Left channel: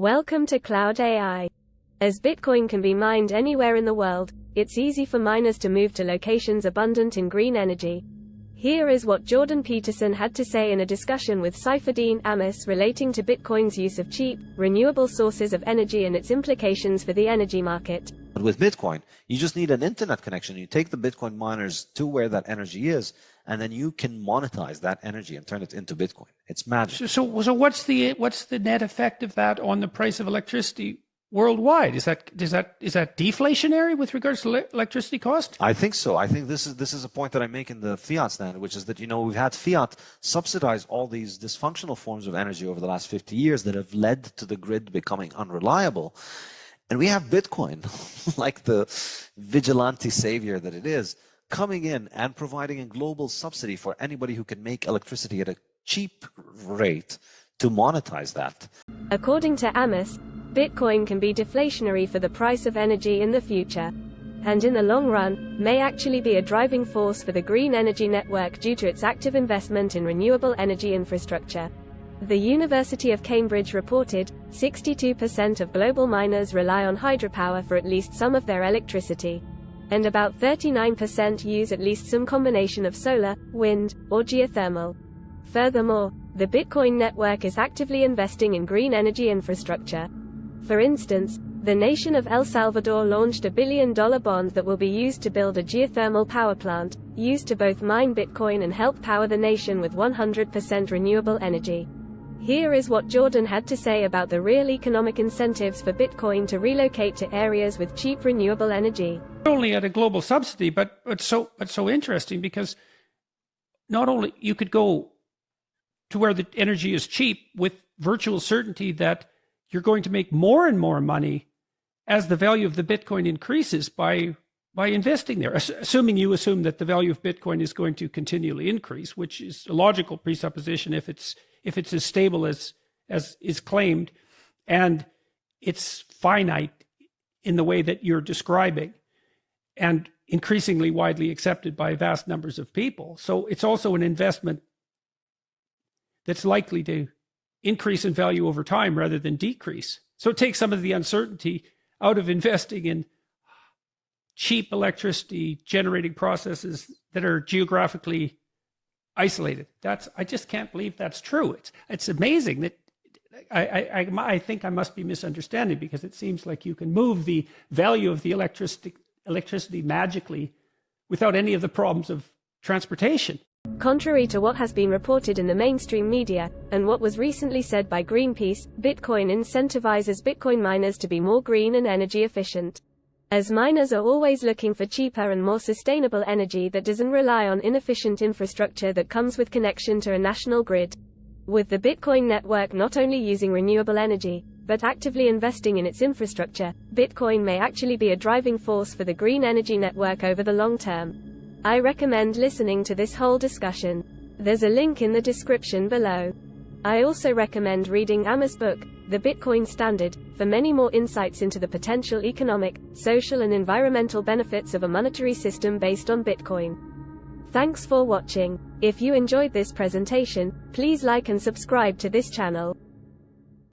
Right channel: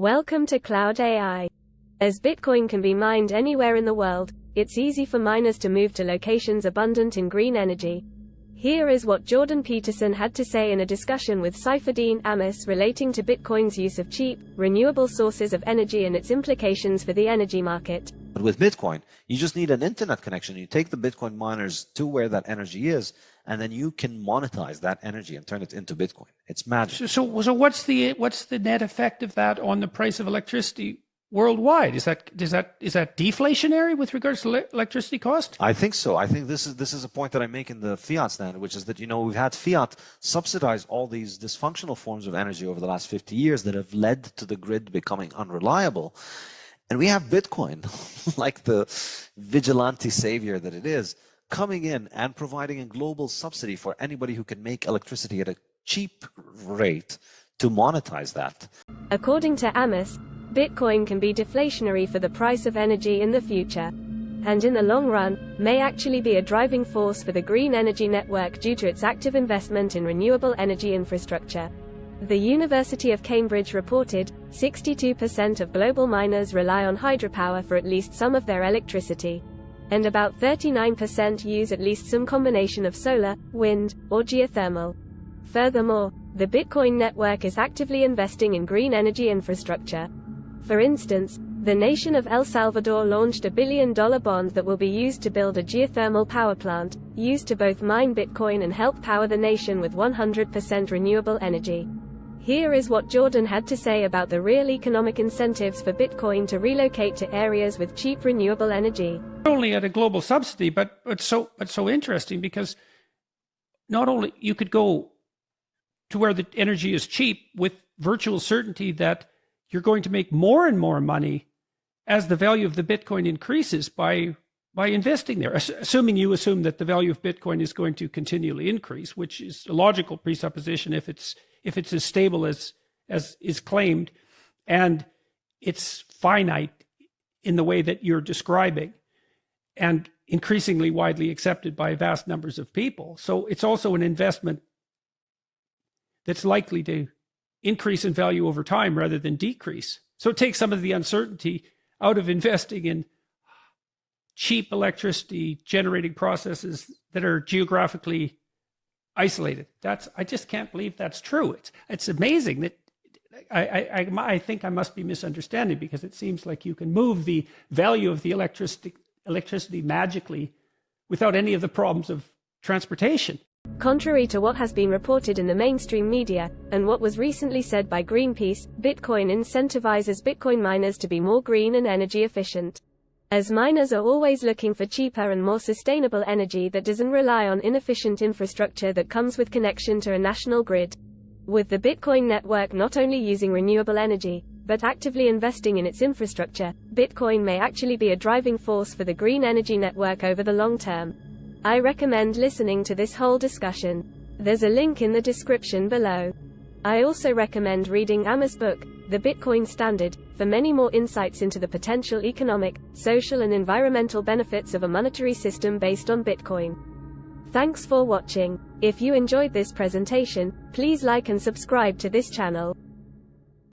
Welcome to Cloud AI. As Bitcoin can be mined anywhere in the world, it's easy for miners to move to locations abundant in green energy. Here is what Jordan Peterson had to say in a discussion with Saifedean Ammous relating to Bitcoin's use of cheap, renewable sources of energy and its implications for the energy market. But with Bitcoin, you just need an internet connection. You take the Bitcoin miners to where that energy is, and then you can monetize that energy and turn it into Bitcoin. It's magic. So what's the net effect of that on the price of electricity worldwide? Is that deflationary with regards to electricity cost? I think so. I think this is a point that I make in the Fiat Standard, which is that, we've had Fiat subsidize all these dysfunctional forms of energy over the last 50 years that have led to the grid becoming unreliable. And we have Bitcoin, like the vigilante savior that it is, coming in and providing a global subsidy for anybody who can make electricity at a cheap rate to monetize that. According to Ammous, Bitcoin can be deflationary for the price of energy in the future, and in the long run, may actually be a driving force for the green energy network due to its active investment in renewable energy infrastructure. The University of Cambridge reported, 62% of global miners rely on hydropower for at least some of their electricity, and about 39% use at least some combination of solar, wind, or geothermal. Furthermore, the Bitcoin network is actively investing in green energy infrastructure. For instance, the nation of El Salvador launched a $1 billion bond that will be used to build a geothermal power plant, used to both mine Bitcoin and help power the nation with 100% renewable energy. Here is what Jordan had to say about the real economic incentives for Bitcoin to relocate to areas with cheap renewable energy. Not only at a global subsidy, but so interesting, because not only you could go to where the energy is cheap with virtual certainty that you're going to make more and more money as the value of the Bitcoin increases by investing there, assuming that the value of Bitcoin is going to continually increase, which is a logical presupposition if it's as stable as is claimed, and it's finite in the way that you're describing, and increasingly widely accepted by vast numbers of people. So it's also an investment that's likely to increase in value over time rather than decrease. So it takes some of the uncertainty out of investing in cheap electricity generating processes that are geographically isolated. I just can't believe that's true. It's amazing that I think I must be misunderstanding, because it seems like you can move the value of the electricity magically without any of the problems of transportation. Contrary to what has been reported in the mainstream media, and what was recently said by Greenpeace, Bitcoin incentivizes Bitcoin miners to be more green and energy efficient. As miners are always looking for cheaper and more sustainable energy that doesn't rely on inefficient infrastructure that comes with connection to a national grid. With the Bitcoin network not only using renewable energy, but actively investing in its infrastructure, Bitcoin may actually be a driving force for the green energy network over the long term. I recommend listening to this whole discussion. There's a link in the description below. I also recommend reading Ammous' book, The Bitcoin Standard, for many more insights into the potential economic, social and environmental benefits of a monetary system based on Bitcoin. Thanks for watching. If you enjoyed this presentation, please like and subscribe to this channel.